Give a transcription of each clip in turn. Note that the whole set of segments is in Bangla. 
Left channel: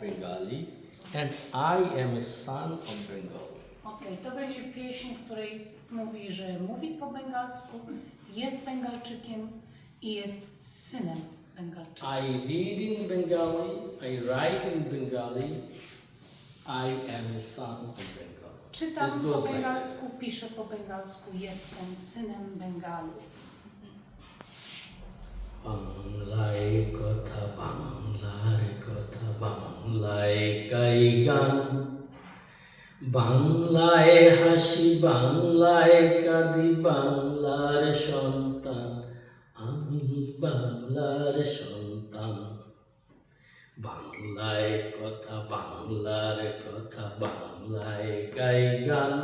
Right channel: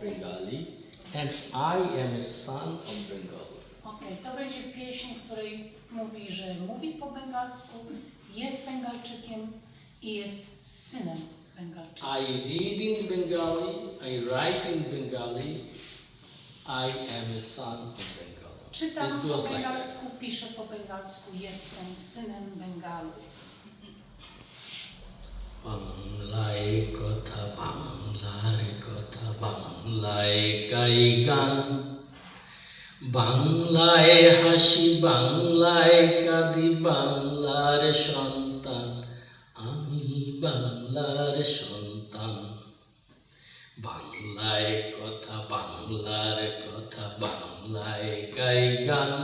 Bengali, and I am a son of Bengal. Okej, to będzie pieśń, w której mówi, że mówi po bengalsku, jest Bengalczykiem i jest synem Bengalczyka. I read in Bengali, I write in Bengali, I am a son of Bengal. Czytam This po goes like that. bengalsku, piszę po bengalsku, jestem synem Bengalu. বাংলায় কথা বাংলার গাই গান, বাংলায় হাসি, বাংলায় কাঁদি, বাংলার সন্তান, আমি বাংলার সন্তান। বাংলায় কথা, বাংলার কথা, বাংলায় গাই গান,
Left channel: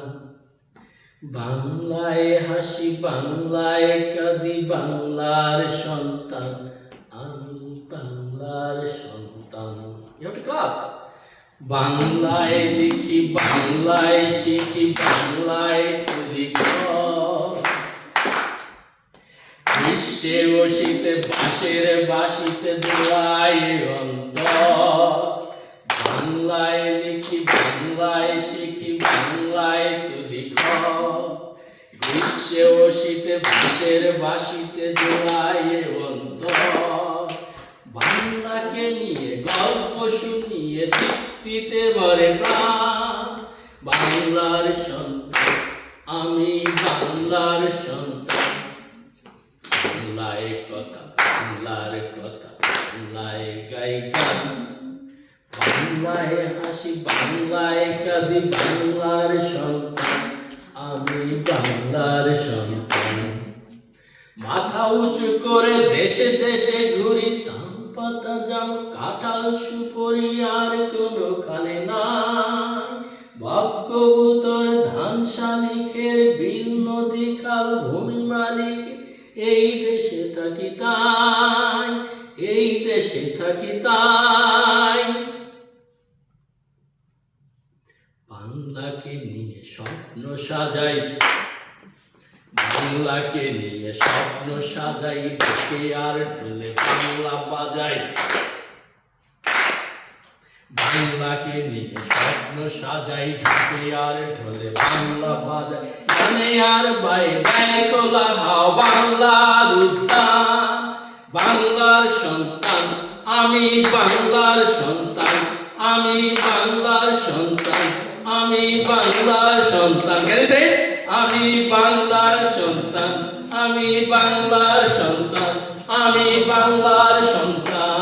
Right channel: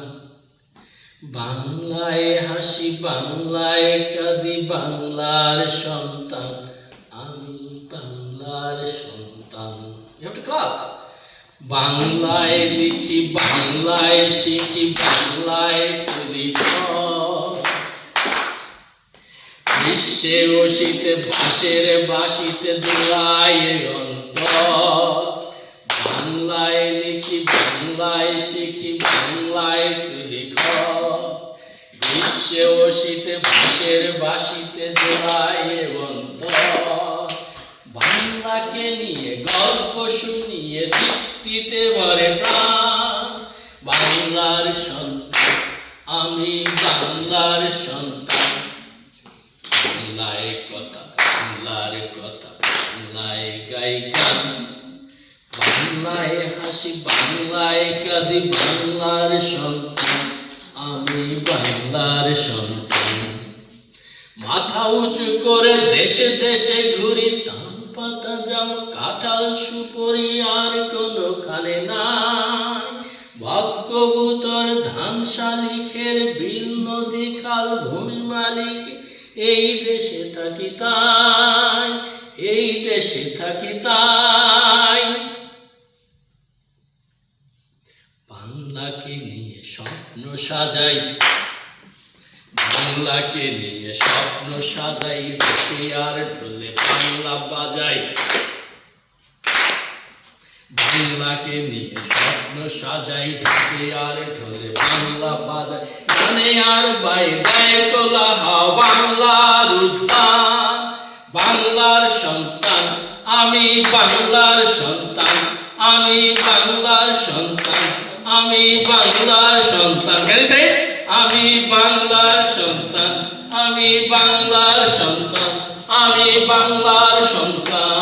বাংলায় হাসি, বাংলায় কাঁদি, বাংলার সন্তান বাংলায় লিখি, বাংলায় শিখি, বাংলায় তুলি ও শীতে বাঁশের বাঁশিতে দোলায় অন্তর বাংলায় লিখি, বাংলায় শিখি, বাংলায় তুলি ও শীতে বাঁশের বাঁশিতে দোলায় অন্তর বাংলাকে নিয়ে গল্প শুনিয়ে তৃপ্তিতে ভরে প্রাণ। বাংলার সন্তান, আমি বাংলার সন্তান। বাংলায় কথা, বাংলার কথা, বাংলায় গাই গান। বাংলায় হাসি, বাংলায় কাঁদি, বাংলার সন্তান, আমি বাংলার সন্তান। মাথা উঁচু করে দেশে দেশে ঘুরি ধান পাতা জাম, কাঁঠাল সুপরি ভূমি মালিক, এই দেশে থাকি তাই, এই দেশে থাকি তাই। বাংলাকে নিয়ে স্বপ্ন সাজাই, বাংলাকে নিয়ে স্বপ্ন সাজাই দেখে আর ঢোলে বাংলা বাজাই। বাংলাকে নিয়ে স্বপ্ন সাজাই ঢাকে আর ঢোলে বাংলা বাজাই। গানে আর বাই হাও বাংলার উদ্যান বাংলার সন্তান, আমি বাংলার সন্তান, আমি বাংলার সন্তান, আমি বাংলার সন্তান। কেন আমি বাংলার সন্তান, আমি বাংলার সন্তান, আমি বাংলার সন্তান।